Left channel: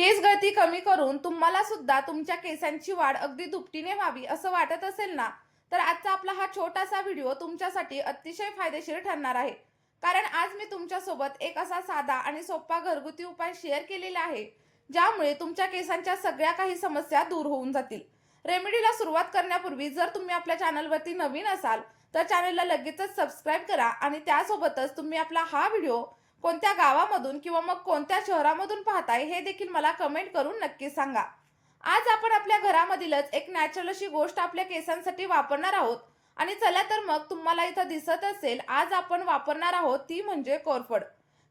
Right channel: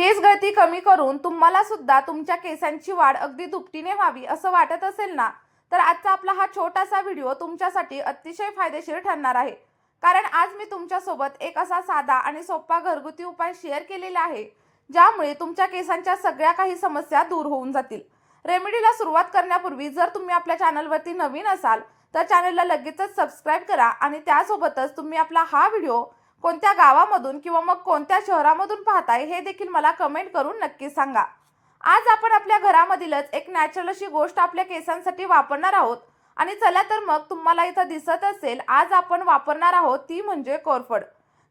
केस गळती कमी करून तुम्हाला सुद्धा तुमच्या केसांची वाढ अगदी दुपटीने व्हावी असं वाटत असेल ना, तर आजचा आपला हा छोटासा व्हिडिओ तुमच्यासाठी अतिशय फायदेशीर ठरणार आहे. कारण आज मी तुमच्यासोबत एक असा साधा आणि सोपा घरगुती उपाय शेअर केलेला आहे, ज्यामुळे तुमच्या केसांच्या सगळ्या काही समस्या दूर होऊन जातील. रेमेडीला सुरुवात करण्यापूर्वी जर तुम्ही आपल्या चॅनलवरती नवीन असाल, तर चॅनलला लगेचच सबस्क्राईब करा आणि त्यासोबतच तुम्ही आपला हा व्हिडिओ कोणत्या गावामधून किंवा मग कोणत्या शहरामधून पाहताय हे देखील मला कमेंट करून नक्की सांगा. आज आपण आपल्या घरामधीलच एक नॅचरल अशी गोष्ट आपल्या केसांसाठी वापरणार आहोत. आणि चला तर मग तुम्हाला इथं दिसत असेल, आज आपण वापरणार आहोत ती म्हणजे कोरफड.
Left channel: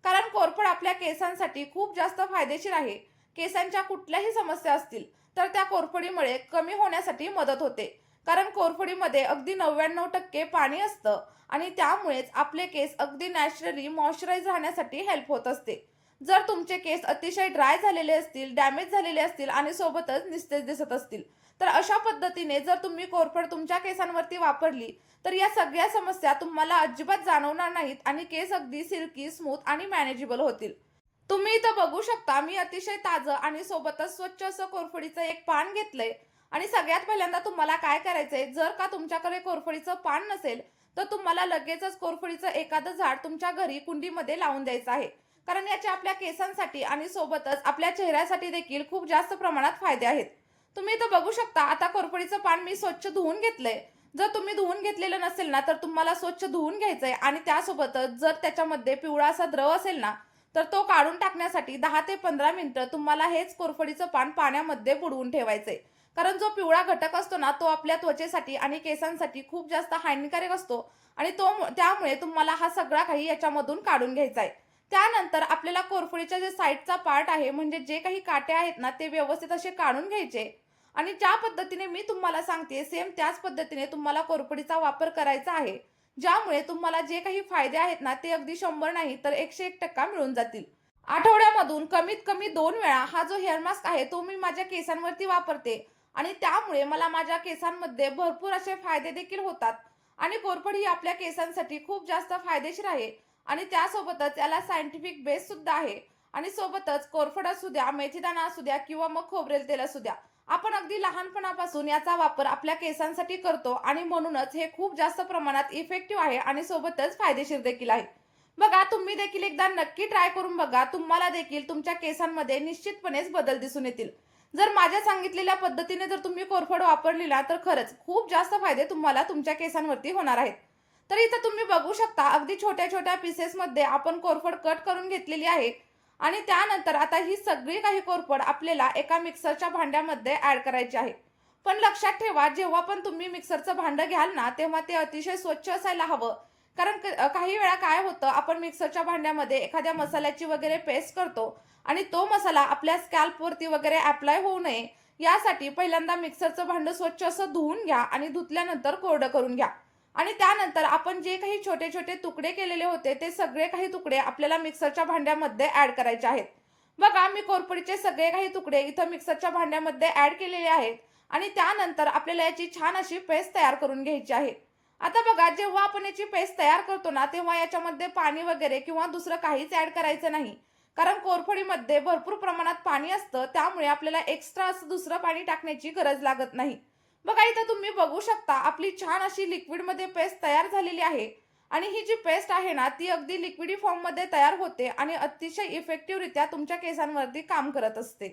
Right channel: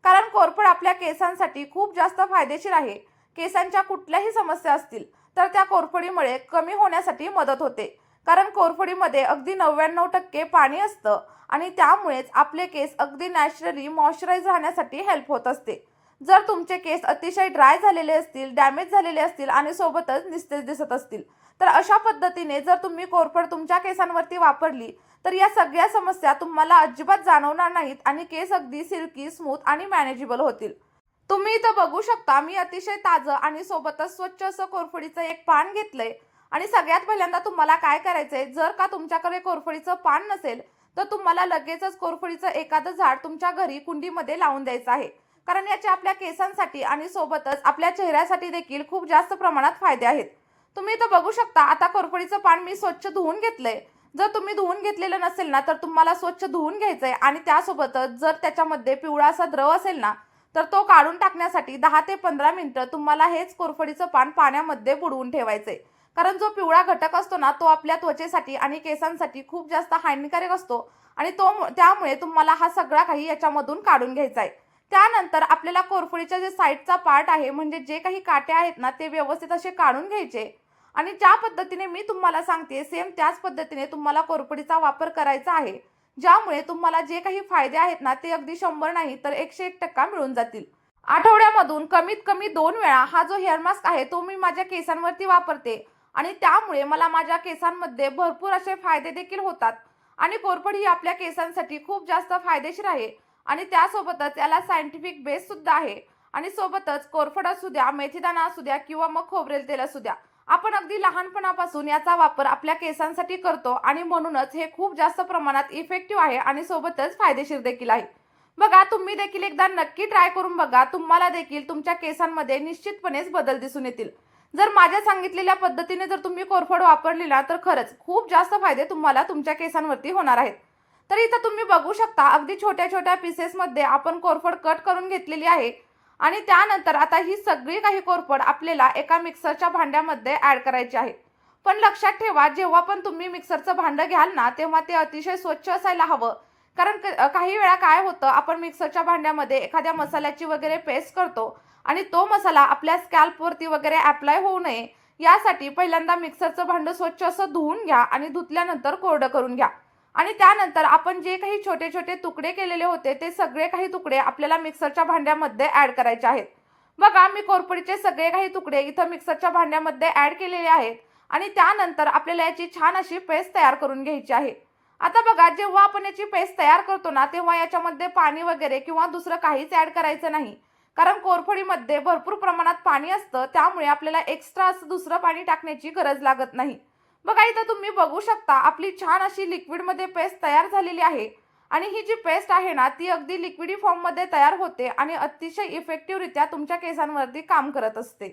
कारण कोरफड आपल्या केसांसाठी खूप जास्त फायदेशीर आहे. केसांच्या कुठल्याही समस्या असतील तर त्या कोरफडीमुळे कमी होण्यासाठी मदत होते. कारण कोरफडीमध्ये अगदी 99% पाणी असतं आणि त्यामुळेच आपले केस अगदी नॅचरली मॉइश्चराइज राहण्यासाठी हेल्प होत असते. जर तुमचे केस अतिशय ड्राय झालेले असतील, डॅमेज झालेले असतील आणि सोबतच निस्तेज दिसत असतील, तर अशा पद्धतीने जर तुम्ही कोरफड तुमच्या केसांवरती वापरली तर या सगळ्या समस्या तुम्हाला अजिबात जाणवणार नाहीत आणि केस अगदी सिल्की, स्मूथ आणि मॅनेजेबल होतील. तुम्ही इथं बघू शकता, मी अतिशय ताजं आणि सोबतच स्वच्छ असं कोरफडीचं एक पान घेतलंय. आणि सगळ्यात पहिल्यांदा तुम्हाला काय करायचंय, जर का तुमच्याकडे कोरफडीचं पान नसेल तर तुम्हाला लगेचच कोरफडीचं एखादं झाड तुमच्या घरी कुंडीमध्ये लावून द्यायचं आहे. कारण याचे आपल्या केसांसाठी आणि सोबतच आपल्या चेहऱ्यासाठी देखील खूप जास्त प्रमाणात फायदे आहेत. तुम्ही इथं बघू शकता, आता कोरफडीचं पान मी स्वच्छ धुवून घेतलंय. जर तुम्ही धुवून घेतलेलं नसेल ना, तर तुम्हाला स्वच्छ धुवून घ्यायचंय आणि त्यासोबतच जर त्याच्यामध्ये पिवळा असा द्रव असेल ना, तर तो काढून टाकण्यासाठी 10 ते 15 मिनिटं तुम्हाला हेच कोरफडीचं पान पाण्यामध्ये बुडवून ठेवायचंय. कारण जो पिवळा घटक असतो ना, तो आपल्या त्वचेसाठी आणि केसांसाठी खूप जास्त हानिकारक असतो आणि त्यामुळे तुम्हाला हा सगळा काही याच्यामधून काढून घ्यायचा आहे. त्यानंतर आपल्याला कोरफडीच्या जे साईडचा पार्ट आहे, म्हणजे जे काही काटे आहेत ना, ते व्यवस्थित असे काढून घ्यायचे. आणि ज्या पद्धतीने मी तुम्हाला सांगते सेम त्याच पद्धतीने तुम्हाला कोरफडीचा वापर करायचा आहे. ज्यामुळे तुम्हाला जे काही फायदे आहेत ना, ते अगदी 100 नाही तर 101% मिळून जातील. आठवड्यामधून कमीत कमी 2 वेळा हा जो हेअर मास्क आहे तो मी माझ्या केसांवरती वापरते आणि त्यामुळे मला माझ्या केसांमध्ये भरपूर असे फायदे देखील होतात. आणि कोरफड ही आपल्या केसांसाठी खूप जास्त फायदेशीर आहे आणि त्यासोबतच याला सायंटिफिक बेस सुद्धा आहे. आणि सोबतच कोरफड असू द्या, मेथीदाणा असू द्या किंवा मग खोबरेल तेल असू द्या, आपण अगदी लहानपणापासून याचा वापर आपल्या केसांसाठी करतो आणि म्हणूनच हे खूप जास्त प्रमाणात इफेक्टिव्ह आहे आणि सोबतच फायदेशीर देखील आहे. बघा, तुम्ही देखील एकदा नक्की ट्राय करून बघा. तुम्हाला देखील तुमच्या केसांमध्ये निश्चितपणेच बदल दिसून येतील. जर माझ्या सांगितलेल्या पद्धतीने जर तुम्ही कोरफड वापरली ना, तर खरंच खूप जास्त फायदे तुम्हाला तुमच्या केसांवरती होणार आहेत. तर इथं तुम्ही बघू शकता, अगदी छोट्या छोट्या पीसेसमध्ये आपण कोरफड कट करून घेतलेली आहे. आणि त्यानंतर आता ही सगळी काही कोरफड आपल्याला एका मिक्सरच्या भांड्यामध्ये ऍड करायची आहे. पण लक्षात ठेवा, जेव्हा पण तुम्ही मिक्सरचं भांडं घ्याल ना, तेव्हा ते अतिशय स्वच्छ असायला हवं. कारण काही वेळा काय होतं, आपण मिक्सरच्या भांड्यामध्ये एखाद्या मसाल्याची वगैरे पेस्ट करतो आणि तो मसाला आपल्या स्कॅल्पवरती वगैरे अप्लाय होऊ नये यासाठी पहिल्यांदा मिक्सरचं भांडं स्वच्छ असं धुवून घ्या आणि धुतल्यानंतर कोरडं करून घ्या. आणि त्यानंतर आपण जे काही छोटे छोटे तुकडे केलेले होते ते सगळे काही तुकडे आपल्याला मिक्सरच्या भांड्यामध्ये ऍड करायचे आहेत. बघा, मी कोरफडीचे सगळे काही तुकडे इथं मिक्सरच्या भांड्यामध्ये ऍड केलेले आहेत आणि त्यानंतर आपल्याला याची छान अशी पेस्ट तयार करून घ्यायची आहे. आता बघा, जेव्हा आपण याची पेस्ट तयार करतो ना, तेव्हा याच्यामध्ये पाणी वगैरे किंवा दुसरं काहीच ऍड करायचं नाही. कारण कोरफडीमध्ये भरपूर प्रमाणात पाणी असतं, त्यामुळे आपल्याला एक्स्ट्रा असं दुसरं पाणी टाकण्याची गरज लागत नाही. बघा, इथं तुम्ही बघू शकता, आपली छान अशी लिक्विडमध्ये पेस्ट तयार झालेली आहे. आणि ही जी पेस्ट आहे ना, ती अगदी लिक्विडी फॉर्ममध्ये तयार होते आणि अतिशय इफेक्टिव्हरित्या तुमच्या केसांवरती काम करत असते.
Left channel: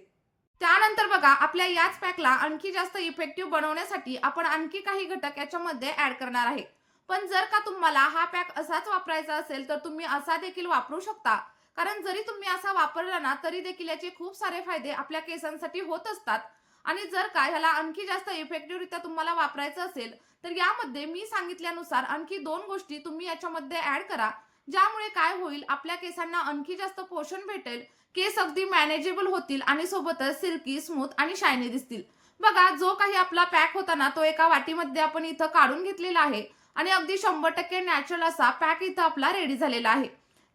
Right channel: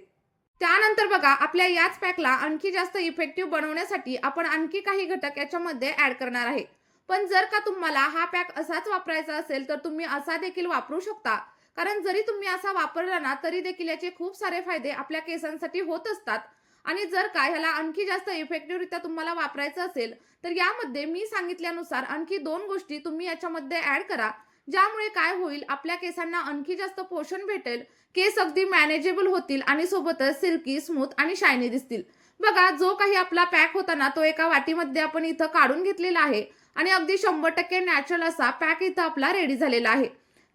त्यानंतर बघा, आपल्या याच पॅकला आणखी जास्त इफेक्टिव्ह बनवण्यासाठी आपण आणखी काही घटक याच्यामध्ये ऍड करणार आहे. पण जर का तुम्हाला हा पॅक असाच वापरायचा असेल तर तुम्ही असा देखील वापरू शकता. कारण जरी तुम्ही असा वापरला ना, तरी देखील याचे खूप सारे फायदे आपल्या केसांसाठी होत असतात. आणि जर का ह्याला आणखी जास्त इफेक्टिव्हरित्या तुम्हाला वापरायचं असेल तर यामध्ये मी सांगितल्यानुसार आणखी 2 गोष्टी तुम्ही याच्यामध्ये ऍड करा. ज्यामुळे काय होईल, आपल्या केसांना आणखी जास्त पोषण भेटेल, केस अगदी मॅनेजेबल होतील आणि सोबतच सिल्की, स्मूथ आणि शायनी दिसतील. बघा, जो काही आपला पॅक होता ना, तो एका वाटीमध्ये आपण इथं काढून घेतलेला आहे आणि अगदी 100% नॅचरल असा पॅक इथं आपला रेडी झालेला आहे.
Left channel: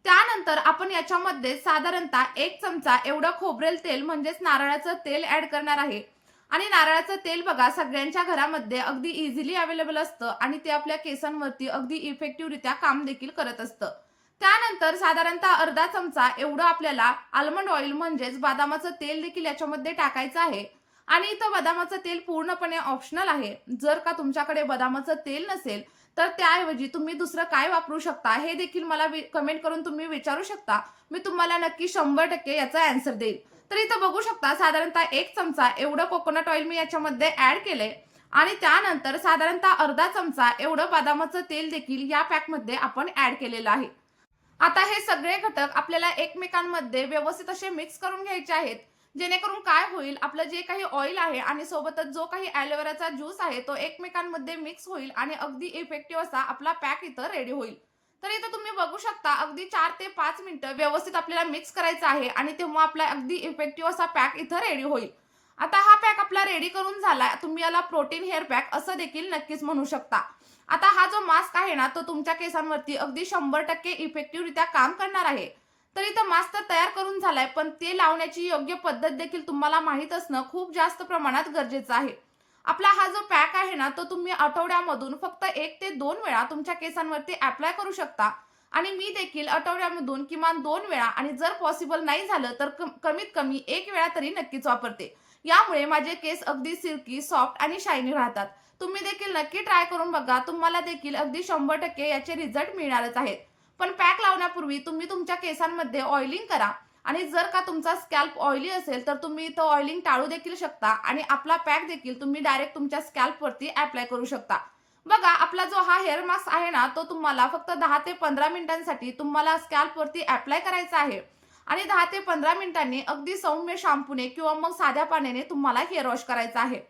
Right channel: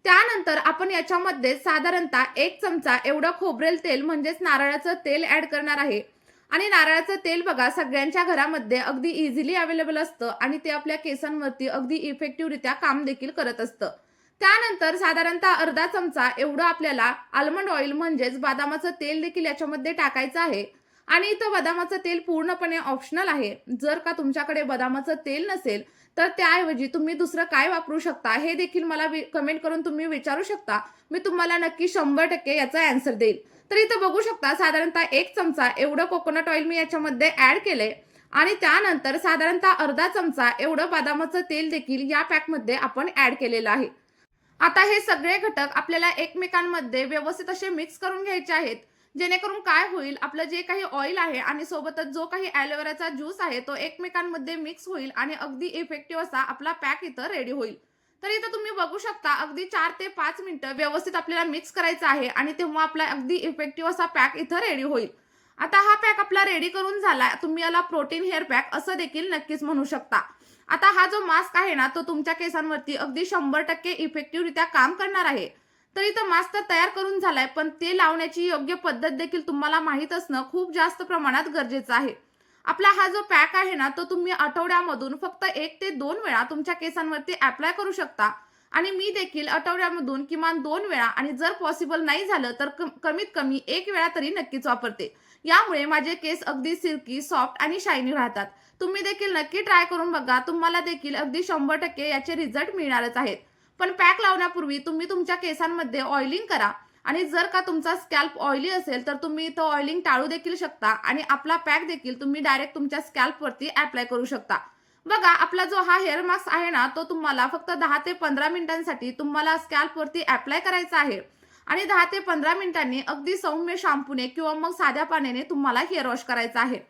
त्यानंतर आपण याच्यामध्ये साधारणतः 1 चमचा एवढं खोबरेल तेल म्हणजेच नारळाचं तेल ऍड करणार आहे. आणि नारळाचं तेल बघा, सगळ्यांच्या घरामध्ये अगदी इझिली अवेलेबल असतं आणि ते आपल्या केसांवरती अगदी इफेक्टिव्हरित्या काम देखील करत असतं. त्यानंतर साधारणतः अर्धा चमचा एवढं आपल्याला आल्मंड ऑइल म्हणजेच बदामाचं तेल देखील याच्यामध्ये टाकायचं आहे. आणि इथं बदामाचं तेल पूर्णपणे ऑप्शनल आहे. जर का तुमच्याकडे बदामाचं तेल नसेल तर त्याऐवजी तुम्ही दुसरं काय वापरू शकता हे देखील मला कमेंट करून तुम्ही विचारू शकता. मी तुम्हाला नक्की 100% याचा आन्सर देईल. तर इथं बघू शकता साधारणतः 1 चमचा एवढं कोकोनट ऑइल मी याच्यामध्ये ऍड केले आणि त्यानंतर साधारणतः अर्धा चमचा एवढं बदामाचं तेल देखील या पॅकमध्ये आपण ऍड केलेलं आहे. आता हे सगळे घटक आपल्याला एकमेकांमध्ये व्यवस्थित असे मिक्स करून घ्यायचे आहेत. जेणेकरून काय होईल, आपलं जे काही ऑइल आहे आणि सोबतच जो काही ॲलोवेराचा ज्यूस आहे तो एकमेकांमध्ये मिक्स होईल आणि अगदी इफेक्टिव्ह असा आपला पॅक इथं रेडी होईल. तर इथं तुम्ही बघू शकता अगदी 4 ते 5 मिनिटं व्यवस्थित आपल्याला मिक्स करायचं आहे आणि तेव्हा आपला अगदी इफेक्टिव्ह असा पॅक इथं रेडी होईल. आता हा पॅक आपला रेडी करून झाला. तुम्ही याला प्रोटीन हेअर पॅक असं देखील नक्कीच म्हणू शकता. आता हा जो मास्क आहे ना तो तुमच्या केसांवरती अगदी 100% इफेक्टिव्हरित्या काम करणार आहे. तर इथं मास्क तर तयार करून झालाय, पण ते लावण्याची योग्य पद्धत देखील तुम्हाला माहित असणं खूप जास्त प्रमाणात गरजेचं आहे. आपला हा जो पॅक आहे ना तो तुम्ही आठवड्यामधून फक्त 1 ते 2 वेळा तुमच्या केसांवरती अप्लाय करू शकता. आणि मी देखील आठवड्यामधून किमान 2 वेळा आणि जर पॉसिबल नाही झालं तर कमीत कमी 1 वेळा तरी नक्कीच वापरते. यामुळे माझे केस अगदी सिल्की, सॉफ्ट आणि शायनी राहतात. तुम्ही देखील नक्की ट्राय करून बघा. तुम्हाला देखील अगदी 100% याचे रिझल्ट मिळणारच आहेत. पण पॅक लावण्यापूर्वी तुम्ही तुमच्या केसांमध्ये ऑइलिंग करा आणि जर का तुमचा स्कॅल्प ऑइली असेल तर तुम्ही तो ऑइलिंग टाळू देखील शकता आणि आपला पॅक देखील तुम्ही डायरेक्ट तुमच्या स्कॅल्पवरती अप्लाय करू शकता. बघा, आपला जो हा हेअर मास्क आहे ना तो तुम्हाला फक्त 10 ते 15 मिनिटांसाठी तुम्हाला स्कॅल्पवरती अप्लाय करायचा आहे आणि 10 ते 15 मिनिटांनी अगदी सौम्य शॅम्पूने किंवा मग साध्या पाण्याने तुम्हाला हेअर वॉश करायचा आहे.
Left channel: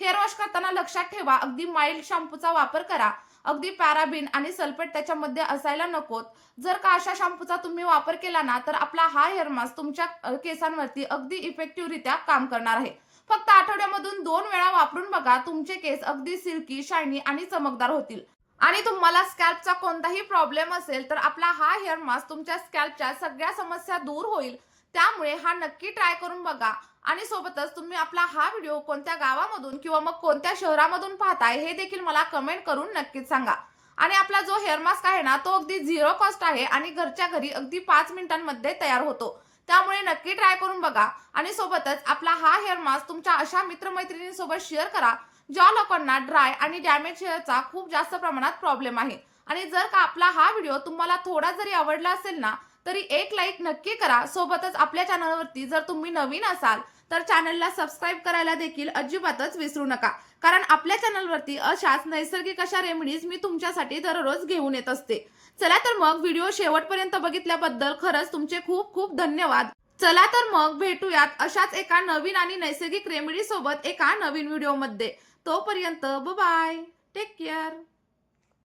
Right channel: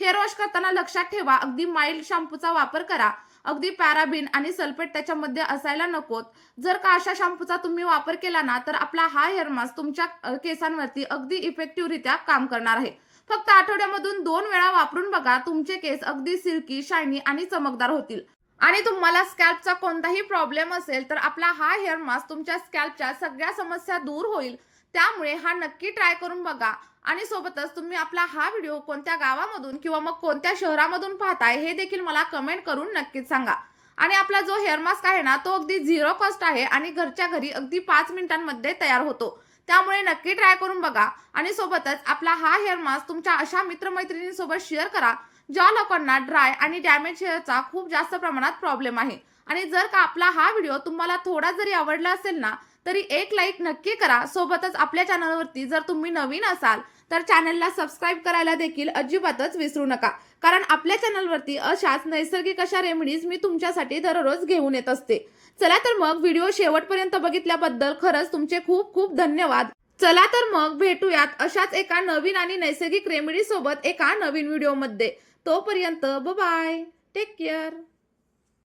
हेअर वॉश करताना लक्षात ठेवा अगदी माइल्ड शॅम्पूचा वापर करा. अगदी पॅराबिन आणि सल्फेट त्याच्यामध्ये असायला नकोत. जर का अशा शॅम्पूचा तुम्ही वापर केला ना तर आपला हा हेअर मास्क तुमच्या केसांवरती अगदी इफेक्टिव्हरित्या काम करणार आहे. फक्त आठवड्यामधून 2 वेळा वापरून बघा. तुमचे केस अगदी सिल्की, शायनी आणि चमकदार होतील. आणि तुम्हाला स्कॅल्पचा कोणताही प्रॉब्लेम असेल तर आपला हा हेअर मास्क तुमच्या स्कॅल्पच्या सगळ्या समस्या दूर होईल. त्यामुळे हा नक्की ट्राय करून बघा. आणि सोबतच तुम्ही आपला हा व्हिडिओ कोणत्या गावामधून किंवा मग कोणत्या शहरामधून पाहताय हे देखील मला कमेंट करून नक्कीच सांगा. आणि आपला जो हेअर मास्क आहे ना तो अगदी 0 कॉस्ट आहे आणि घरच्या घरी अगदी 5 मिनिटांमध्ये तयार होतो. त्यामुळे नक्की ट्राय करून बघा. आणि सोबतच आपला हा हेअर मास्क तुमच्या अशा मित्रमैत्रिणींसोबत शेअर करा ज्या लोकांना ड्राय आणि डॅमेज हेअरचा खूप जास्त प्रमाणात प्रॉब्लेम आहे. आणि जर का आपला हा व्हिडिओ तुम्हाला थोडा जरी आवडला असेल ना तरी एक लाईक नक्की करा. सोबतच आपल्या चॅनलवरती जर तुम्ही नवीन असाल तर चॅनलला सबस्क्राईब करायला देखील अजिबातच विसरू नका. कारण आपल्या चॅनलवरती अशाच नैसर्गिक अशा रेमेडीज मी तुमच्यासाठी दररोज घेऊन येत असते. चला तर मग व्हिडिओ शेवटपर्यंत बघितल्याबद्दल खरंच तुमचे खूप खूप धन्यवाद. चला तर मग भेटूयात अशाच एका नवीन आणि नैसर्गिक रेमेडी सोबत एका नवीन व्हिडिओमध्ये. तोपर्यंत बाय, टेक केअर.